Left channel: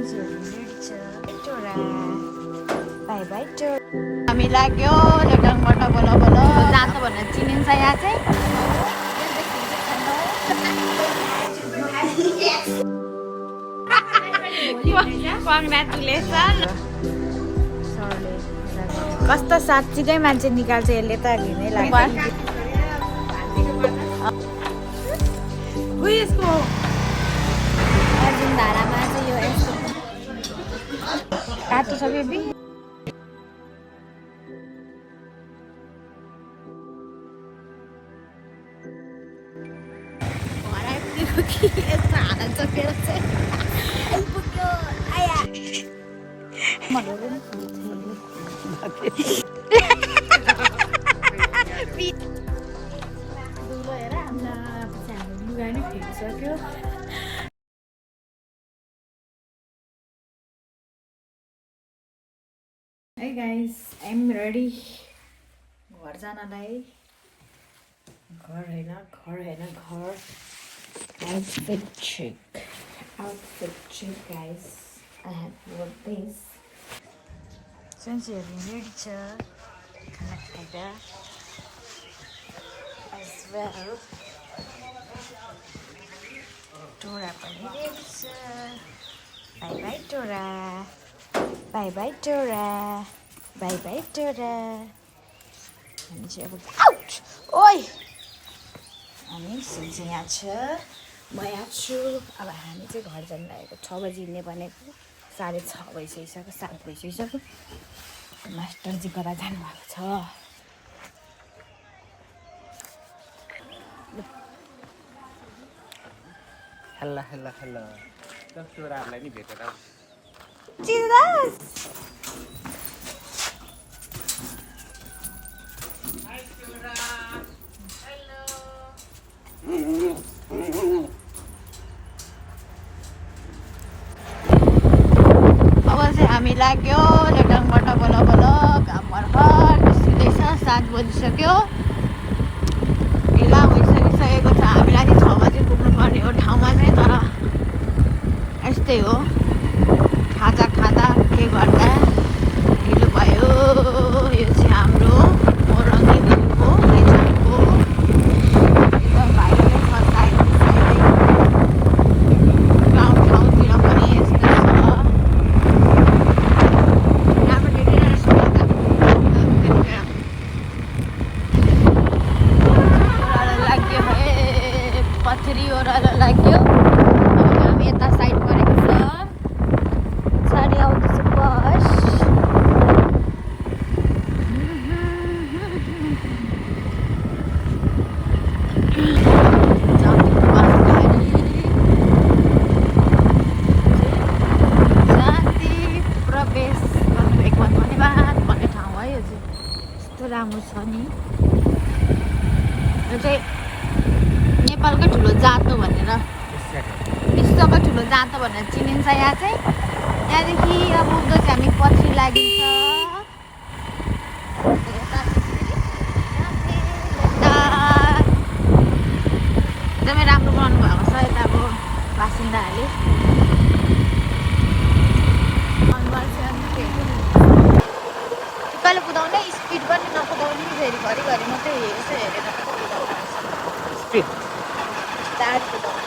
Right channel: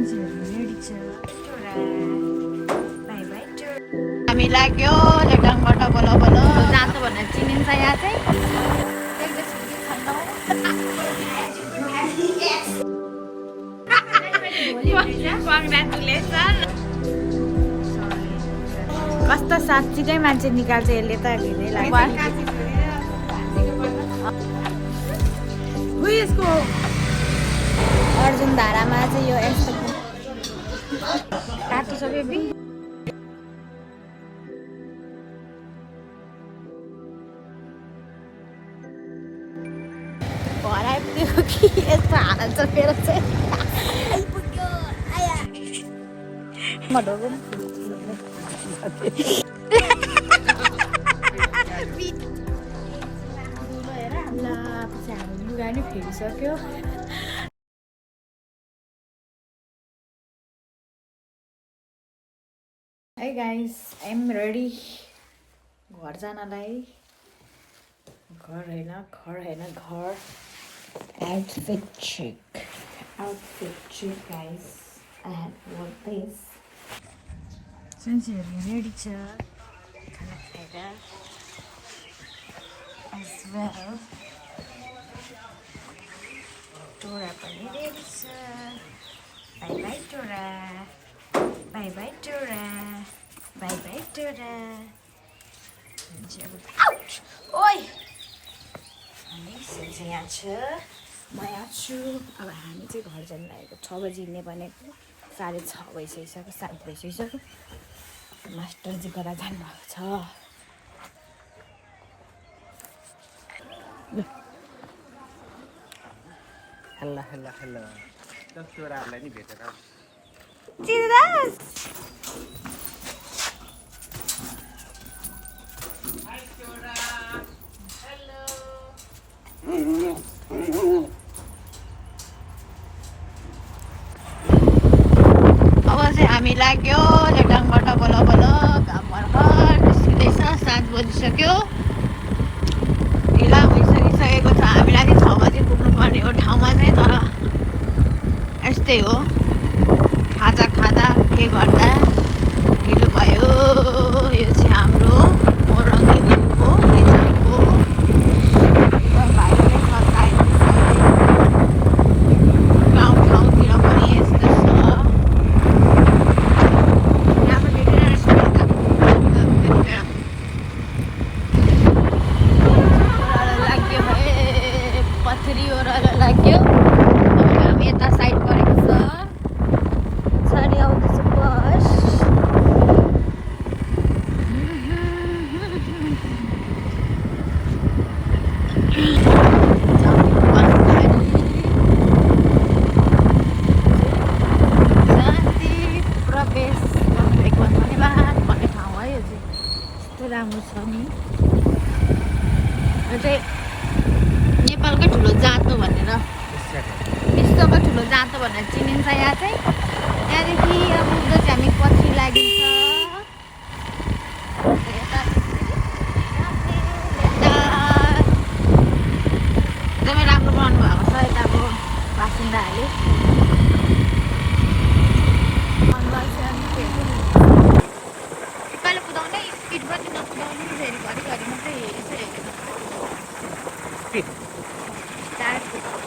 By by हामी लाग्यो लेटाङबाट बल बल जान्छ भनेर चिनिन्छ यहाँ चाहिँ कस्तो साँच्चीकै मान्छे निकाल्छ यसले त घिनै लाग्छ अर्जुन धारामा चाहिँ यो यस्तो काट्नु सक्यो बि भराइपुगेको कि यस्तो हात चपेर चाहिँ आइपुग्यो आया मडोको दुलो हेर ल पछि हाम्रो लुगा नि फेरिसक्यो Hey guys, I'm ready. घर जानलाई घर हैन घर outfit check guys. I have worn this. Since you're ready to connect as well. Tora pani ready छ. Bye bye Tora. Bye bye Tora. Bye bye Tora. Ouch! Oi! हामी यहाँ छ म यहाँ छु अब हामी चाहिँ घर जान लागेको 6 बजी हिँड्ने भनेको 6:30 भइसक्यो 7 भइसक्यो मास्टरजी कता जानुभएको छ हेलो चोराहरूलाई नि भेटेर चिरास हामी लाग्यो लेटाङबाट बल बल घाम भर्खर निस्किँदैछ 7 बजिसक्यो ढिला भइसकिसकेको छ हामीलाई चाहिँ 6 बजी पुग्नुपर्ने हो ठाउँमा चाहिँ तर यस्तै हो खाजा के गर्दा ढिलो भयो यो चाहिँ हाम्रो मोरङको लेटाङको गाउँठाउँतिर पनि यस्तो राम्रो छ नि यो चाहिँ नेपालकै ठुलो जातो भनेर विश्वकै ठुलो जातो भनेर चिनिन्छ यहाँ चाहिँ त्यहाँदेखि अब पुग्दा चाहिँ हामी पछि लागिन्छ एकदमै राम्रो बनाउनु भएको छ यताको बासिन्दाहरूले कहिले कुदाउने स्पिड पनि नकुदाउने फेरि घरिघरि मात्रै यसो हेरेर मात्रै कुदाउने स्पिड चार्ज कुदाउने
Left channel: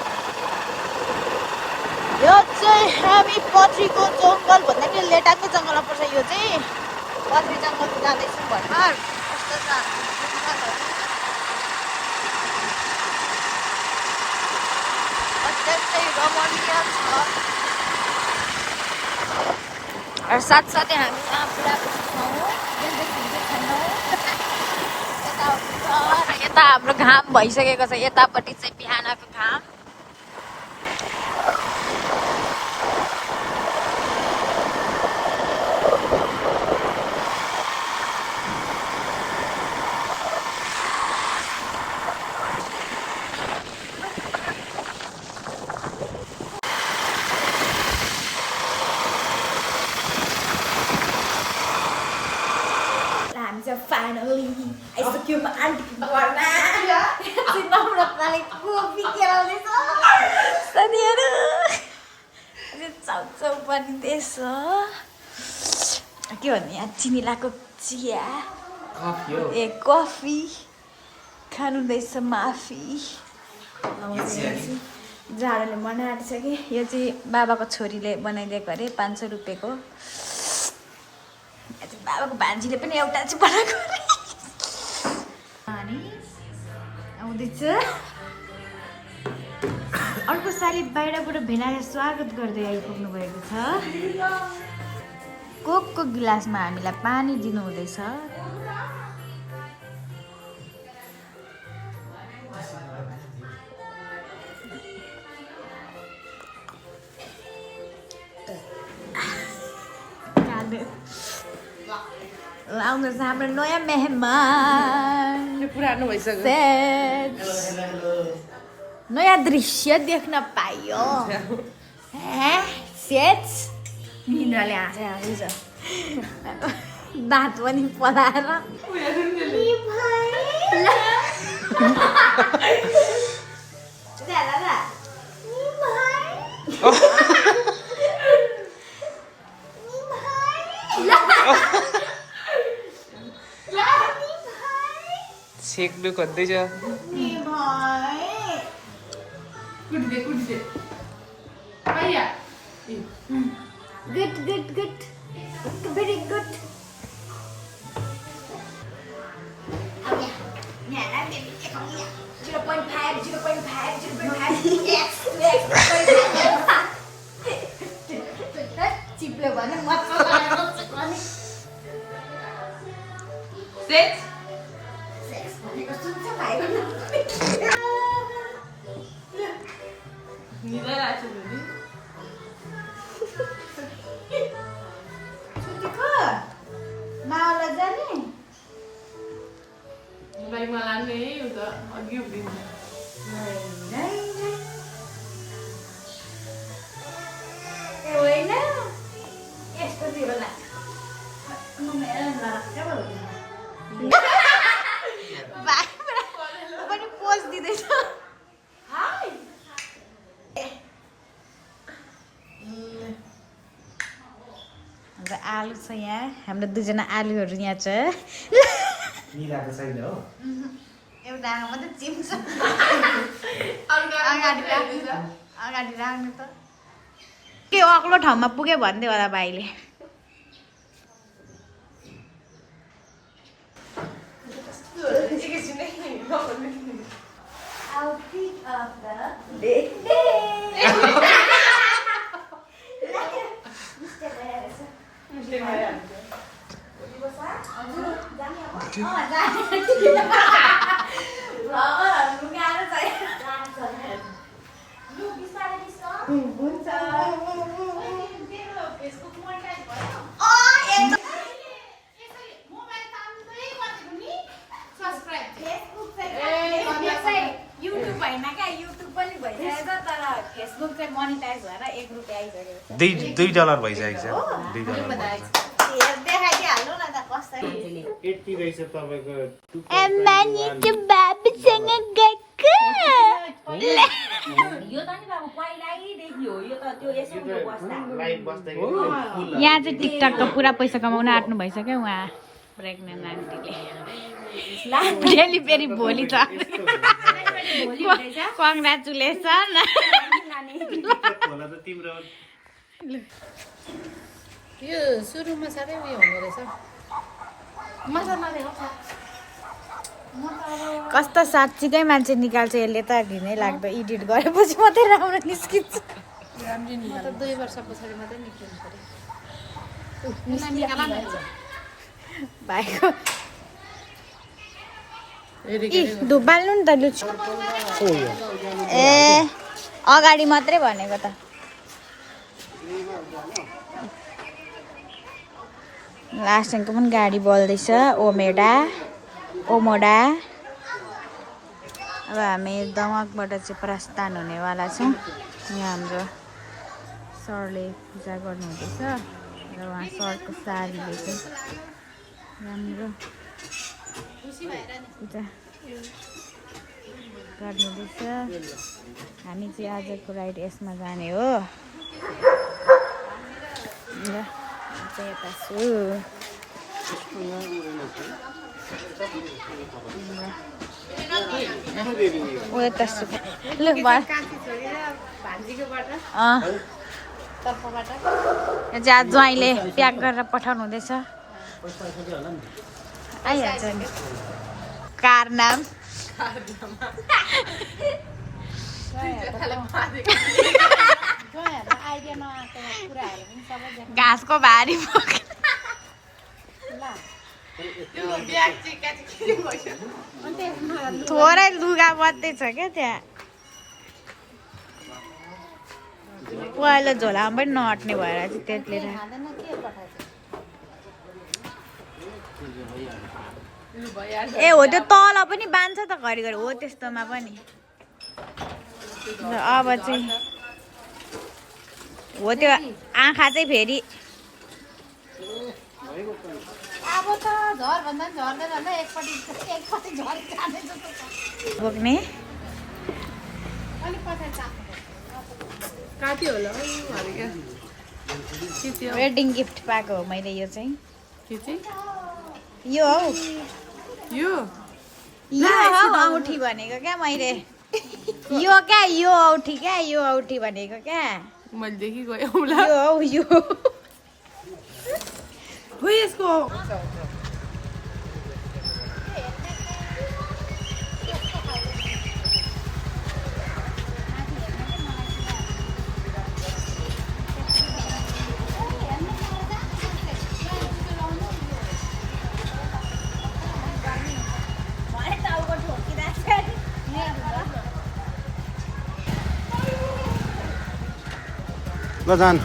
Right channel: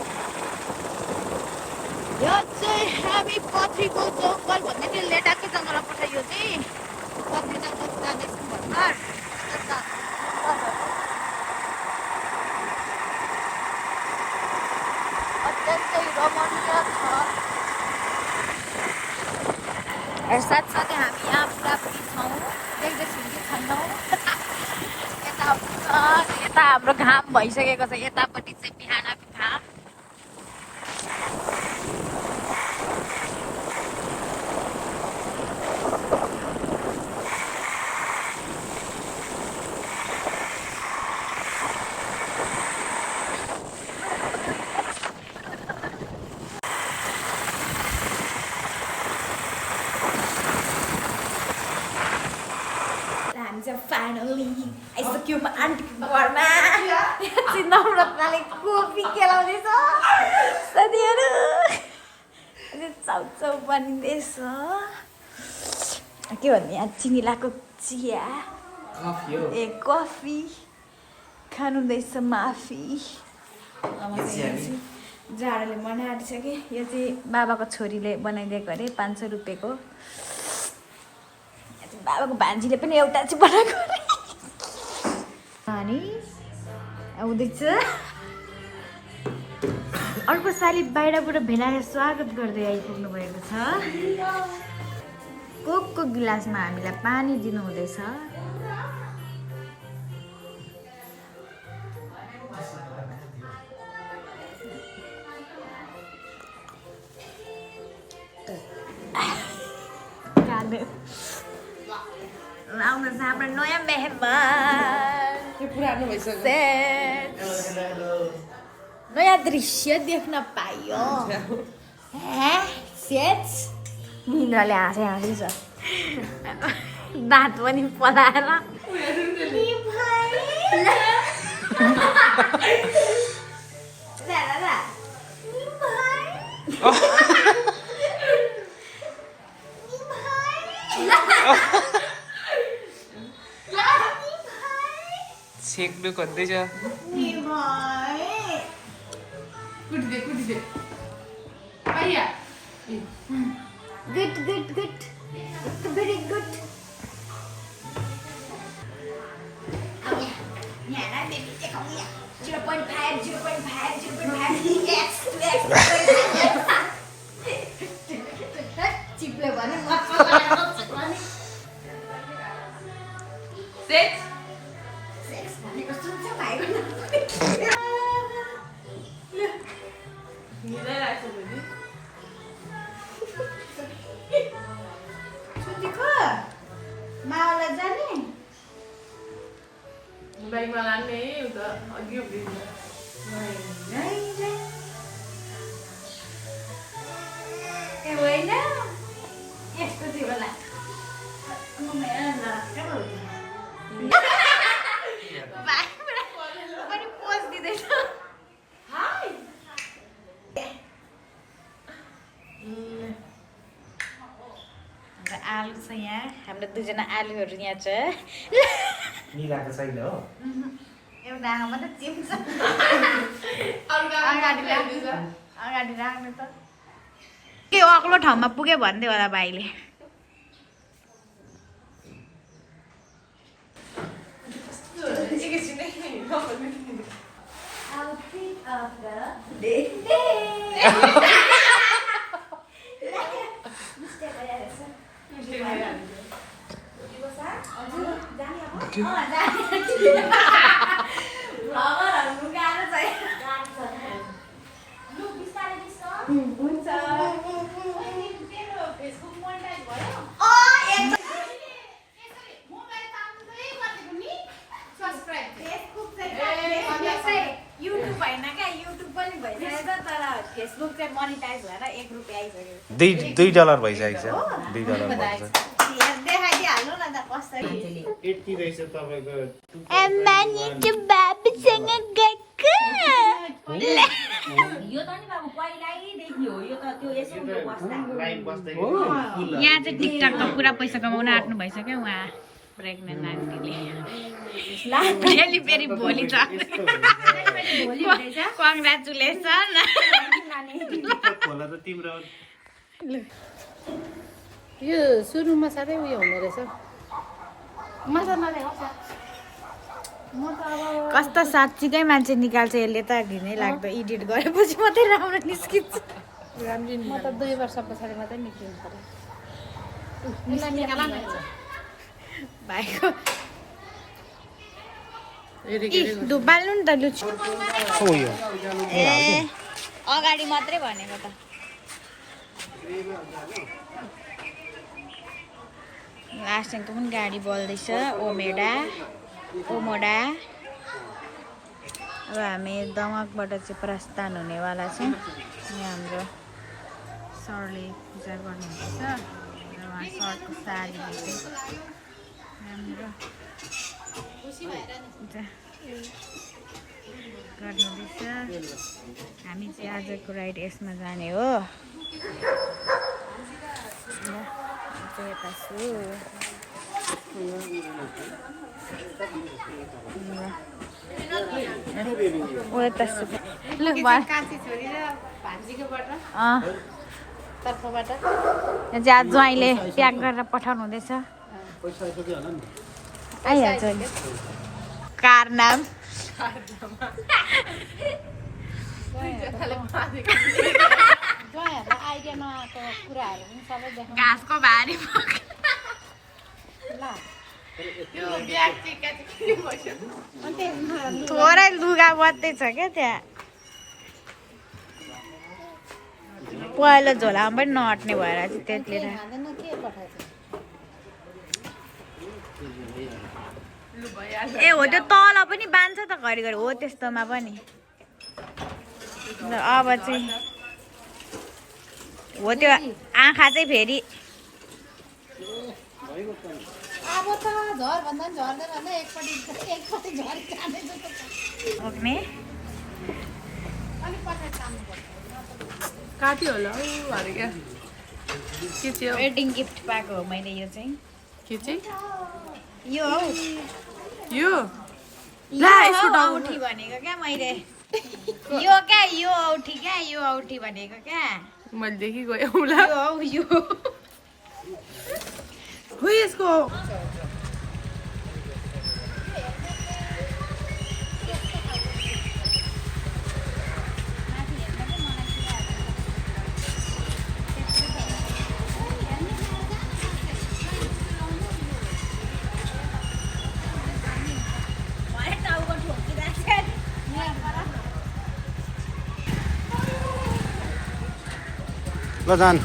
यो चाहिँ हामी पथरीको जङ्गल भन्दा कि लेटाङको जङ्गलमा पर्छ यो चाहिँ पथरी जङ्गल जाँदैछौँ भर्खर कस्तो छ अत्यन्तै रमणीय छ साथसाथै हामी यहाँ पुरापुरी छौँ यता हाम्रो घाम भइसकेको छ यतापट्टि चाहिँ बिहानको घाम Finally, आइसक्यो म आन्टीको घरमा चिनाउनकाले कोपी केलाउँदैछ साथीहरू चाउचाउ बनिँदैछ के भन्ने यहाँ चिनी लगाएको चिया ए कफी खानुहुँदैछ माफी जाडोले बनाएको छ कि यो चाहिँ बाबाको छोरीले बनाइदिएको अरे 500 रुपियाँको बाबाको भान्जीले पनि एउटा चाहिँ बनाएको अनि आउँदैछ अर्को साली बाहिरबाट भेनाले स्वागत गर्दै आइपुग्नु भएको छ कोकको गिलासमा हामीलाई पानी दिनुहुँदैछ आउँदैछ हाम्रो नयाँ मेहमान यो पुरानो भइसक्यो नयाँ दृश्य देख्न पाइयो सेट निन्द्राले हाँसे हाँसी छ दाँत पनि पलाएर सेक्नु खोज्दैछ कुटिदे आइया गुड भेरी गुड यहाँ बेबी के खाऊँ 0.5 चिप्लो भने मजा सेक्स भनेको सुन्छ भाइको मावला जाने बाइकमा लाने उता अघि उभिन्छ ए होइन यस्तो थियो होला पनि पोज दिँदैछ आलु छ यहाँ हाम्रो दुईजना आलुहरू यहाँ छ मिलाएको छैन हो एउटा आँखा मात्रै चिम्छ अगाडि राख्नु त के अग्लो ठाउँमा पुग्यो भन्दै होला भाइले युट्युब होइन क्या युट्युब पनि भइसकेछ तर फेसबुक चाहिँ मोनिटाइज भएर $1 आइसक्यो $2 भइसकेको छ $2 भइसक्यो देखाइदिइहाल्नु न त कसरी यति रहेछ तपाईको अम्मानी चाहिँ बाबुसँग गएको यहाँ चाहिँ टिकटकको पुरा पैसा कमाउन आँट्नु भइसक्यो उहाँ प्रेग्नेन्ट आन्टीले फेरि भोलि छ कङ्ग्रेचुलेसन होला त तिम्रो यो सुरुमा साह्रै उयो हुँदो रहेछ कस्तो साँच्चीकै मान्छे निकाल्छ यसले त घिनै लाग्दो एडिट गरेपछि मात्रै राम्रो निस्किन्छ 2 वर्ष पछाडि मात्रै निक्लिनु पर्यो भाइको धुपाल्नु नि त लुच्छु ए अगाडि मात्रै भनेको त लास्टको पनि गाडी बल्दैछ ओमोडा अब हामी दमकबाट चाहिँ प्रस्थान हुनेवाला छौँ यहाँ हाम्रो सरले पूजा गर्नुहुँदैछ र उहाँ सरको सारीले चाहिँ राम्रो पूजा गर्नुहुँदैछ हामी चाहिँ आजको राइड यसमा जाने हो यता छु ओ यता छु ल कान्छी छोरी र भान्जीकोबाट तर्फबाट यहाँ चाहिँ आज ज्वाइँले प्याक गरेर पठाउनु हुँदैछ आइहाल्छ नि कार नाम आइडिया नआएको कुराहरू पनि सबै देख्नु घाँसको भारी थोरै लुगा मात्रै छ क्या त्यहाँ पहिलो झोलामा पनि नअट्ने भएर चाहिँ त्यसले खाँदैन के पठाएको ए हो त्यो तल पनि बाँध्छ त घरिघरि हो त्यस्तोमा पनि ल अब चाहिँ हो त्यो आँखा चाहिँ फेरि अब त झरभन्दा पनि झर्दै झर्दै एकपट्टि झरी जाने जस्तो छ पुग्ने अलिक पछाडि तान्नु काटी होला हौ अरे क्या के चाहिँ हौ? वेडिङ गिफ्ट पाएको हो मैले यो चाहिँ के चाहिँ यो हौ यो यो हौ औठी भनेको क्या मैले यो क्या यो औठी क्या यो औठी भनेको क्या मैले देखि गएँ होला यो हौ यो हो यसको ल जान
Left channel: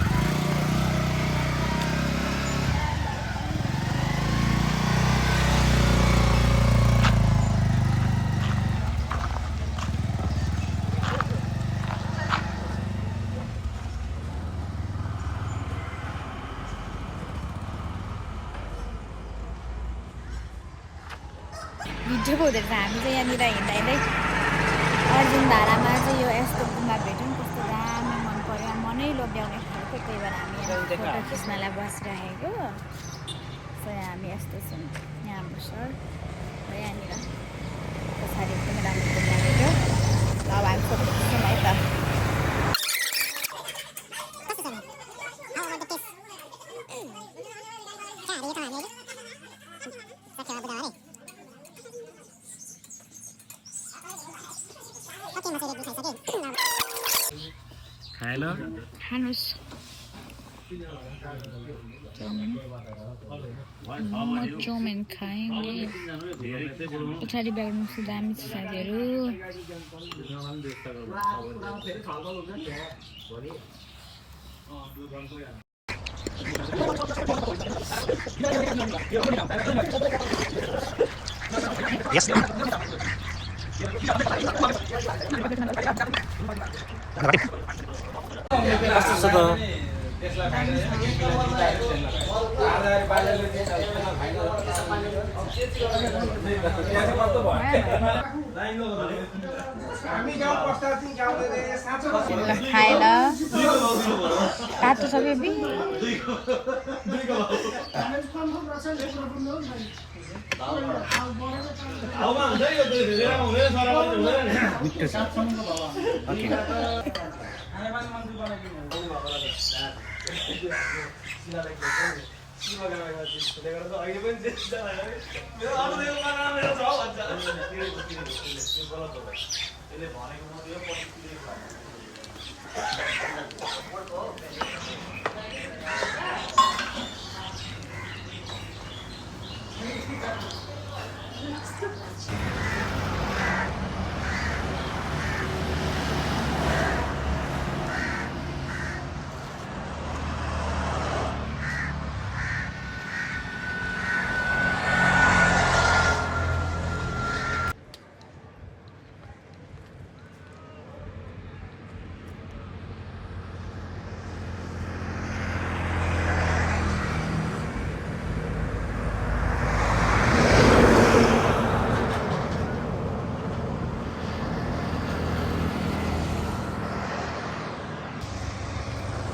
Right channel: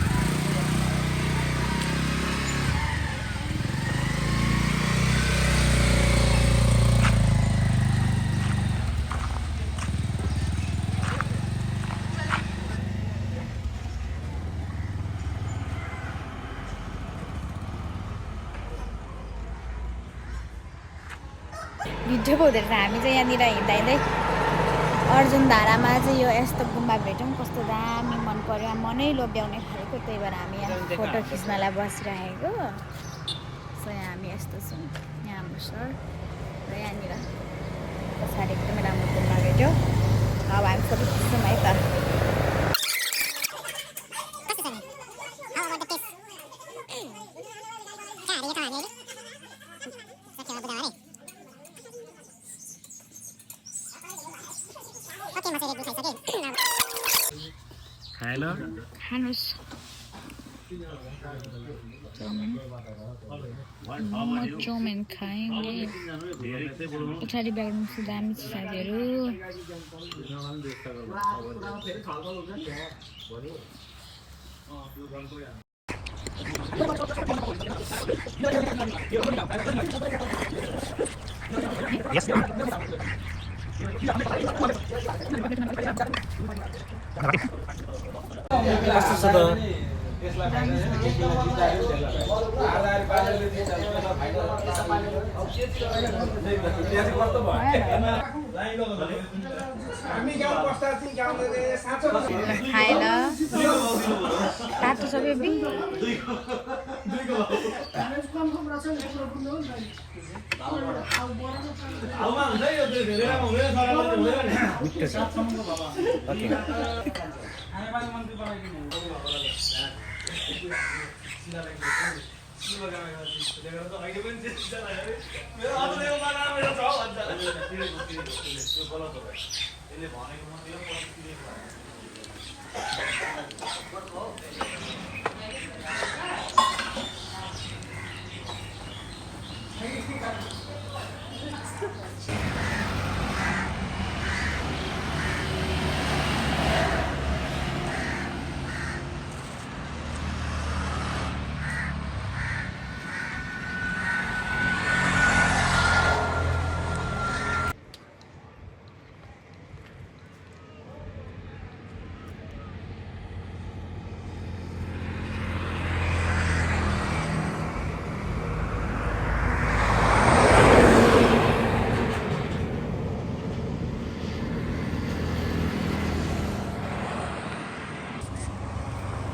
मिठो पो हुँदो रहेछ हामी चाहिँ यहाँनिर हिँड्दा हिँड्दै अर्जुन धारामा चाहिँ यो यस्तो गुम्बा भेट्यौँ कस्तो दामी मन पर्यो मनै लोभ्याउने खालको त्यही भएर हामी यहाँ फोटो खिच्नलाई बसिरहेको सो यहाँ हामी यस्तो छौँ यहाँ हाम्रो सर र यहाँनिर पछाडि एकदमै राम्रो गुम्बा भेट्यौँ ल अब हामी फोटो खिच्छौँ है त खाएन खानुहोस् मोमो चाउमिन खाएँ पछाडि ब्याकग्राउन्ड चाहिँ दामी छ साथीहरू Yes. कस्तो छ त खाए ल तातो छ बेबी मिठो छ ओके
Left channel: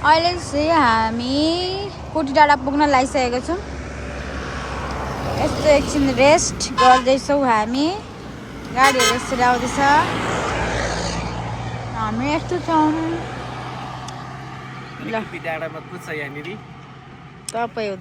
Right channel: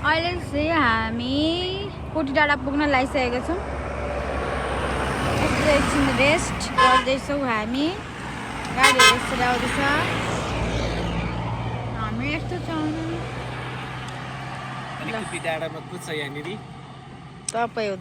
अहिले चाहिँ हामी कोटी डाँडा पुग्न लागिसकेको छौँ। यस्तो एकछिन रेस्ट गर्दैछौँ हामी। गाडीहरू यसरी आउँदैछ, हामी यस्तो छौँ। डाँडामा कुद्छ यहाँनिर तपाईँ हो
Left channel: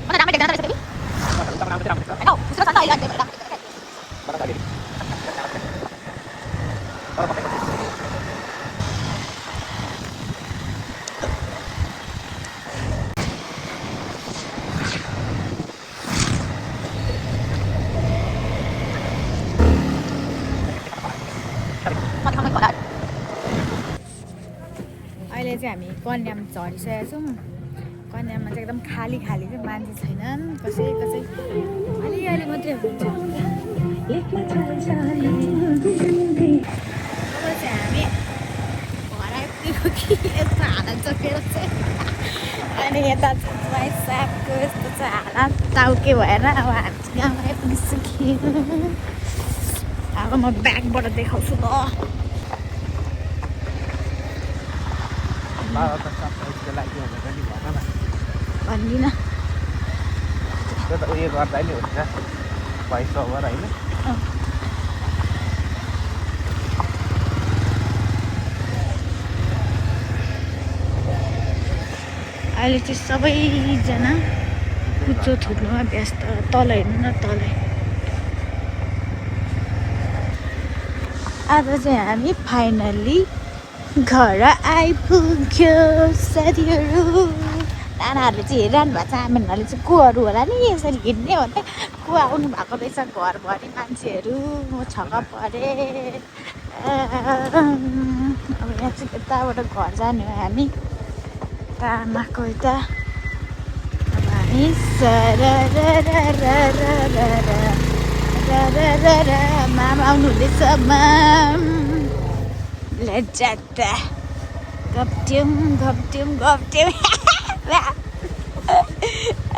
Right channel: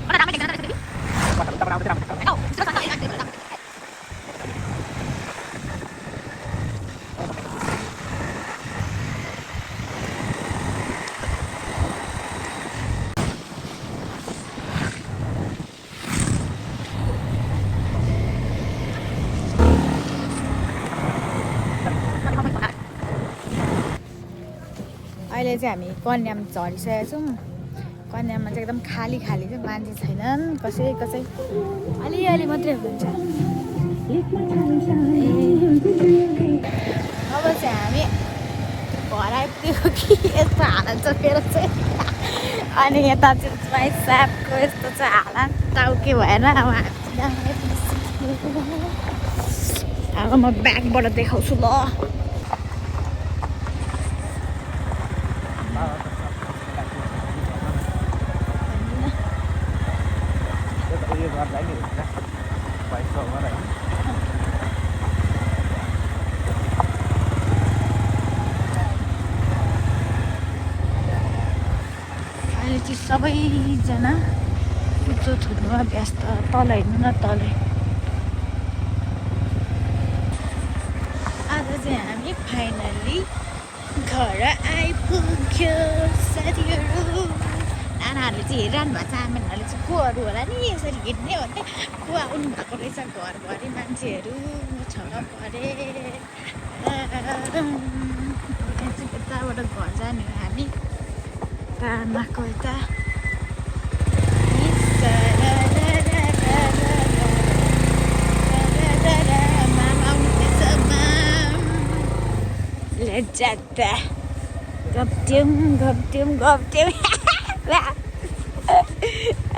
अहिले चाहिँ हामी कन्याम झरिसकेका छौँ। कन्याममा चाहिँ एकदम खाली खाली चाहिँ मान्छे छैनन्, कसै अलिअलि मात्रै हुन्छ। अब चाहिँ हामी घर आइपुग्यो कि यस्तो हालत चोकेर चाहिँ अनि यता चाहिँ माइ सापको यस्तो चाहिँ हालत टाउके भएर अब अब म ब्यागबाट देखाउँछु ल। अहिले चाहिँ सबैजना कुचो थुन्नुमा व्यस्त। तल हेर्नु न, तलै। आज चाहिँ हामी फाइनल्ली घर आइपुग्यो साथीहरू। नानाहरूले चाहिँ हेरिरहनु भएको छ, आमाहरूले चाहिँ कोहरू होला नि यसरी हिँड्ने भन्दा को आउनु भएको रहेछ घरभरि मान्छेहरू। म छक्क परेँ। अब यहाँ चाहिँ यताबाट घर जाने हो हामी, आमाको यता। हामी मामा आउनु हुँदैछ। जाँदा गप्ट्यौँ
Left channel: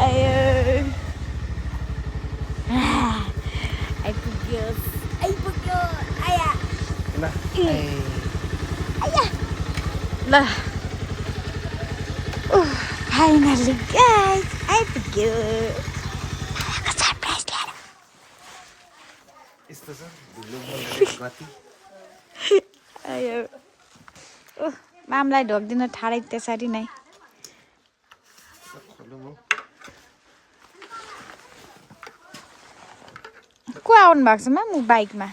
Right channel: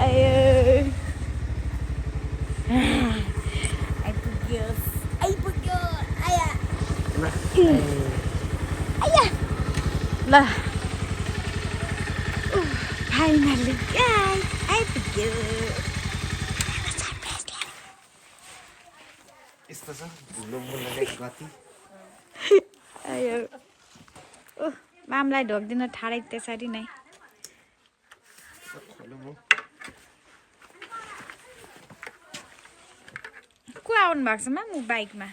आयो आइपुग्यो आया ल। फाइनल्ली गाइस आइपुग्यो। यस्तो छ ढुलो बोल्ने गति। आयो मामलाई ढोक्दिन ठाडै त्यसरी नै। को आउनु भएको छ मामु बाइकमा?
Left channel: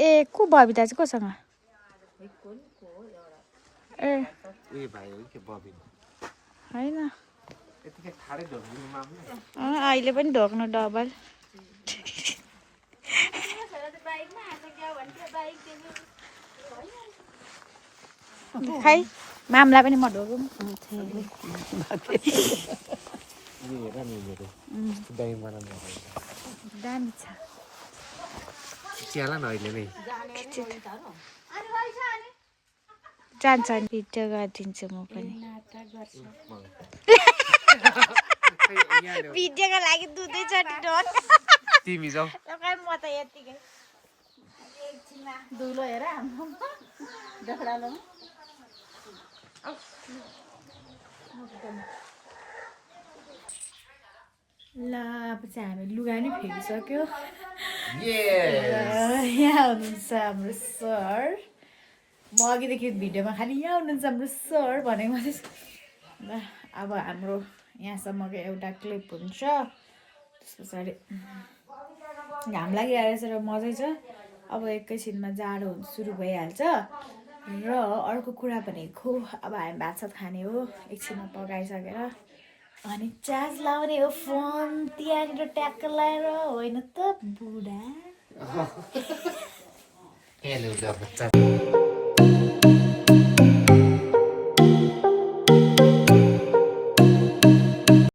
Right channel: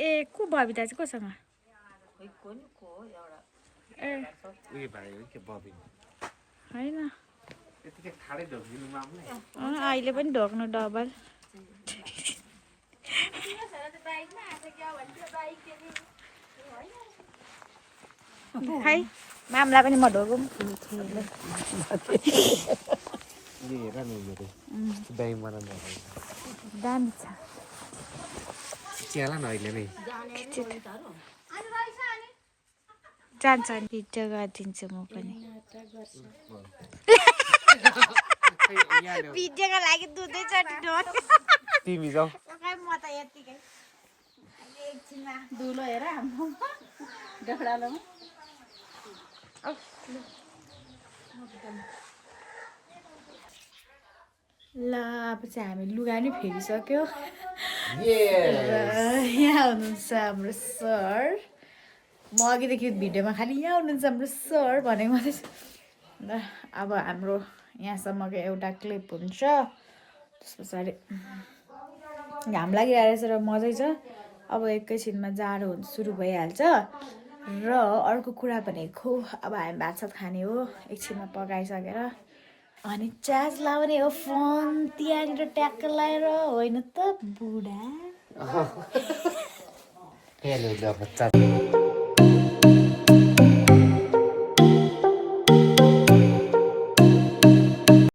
ए को बबिता चाहिँ कोसँग? ए होइन अहिले पनि ढोक्नु डबल। खै मामलाई पनि म ढोकौँ। दामी छ। चियाला न अहिले नै जान्छ नि भिडियो गरिदिन्छु म पनि। भिडियोको लागि दुधैचोटि ढोक। तिमी जाऊ। म त यतिकै एकछिनमा धुलो हेर हाम्रो ढोक्रालो। ल अब चाहिँ हामी लुगा नि फेरिसक्यो। यहाँ हुनुहुन्छ हाम्रो सर। म अघिदेखि भिडियोमा खालि यहाँ हुनुहुन्छ हाम्रो सर भनेको मात्रै छ। ल अब हाम्रो यहाँसम्मको एउटा क्लिप हुन्छ, त्यस पछाडि घाम लागिरहेछ र मजै छ। अब एकैछिनमा जाडो हुन सुरु भइहाल्छ। र अर्को कुरा भनेको अब हामी भात सात खाने हो एकछिनमा पकाइसकेर, अनि चार्ज लाउने हो फोन त्यहाँनिर ट्याक्क लगाएर। होइन त बुढा।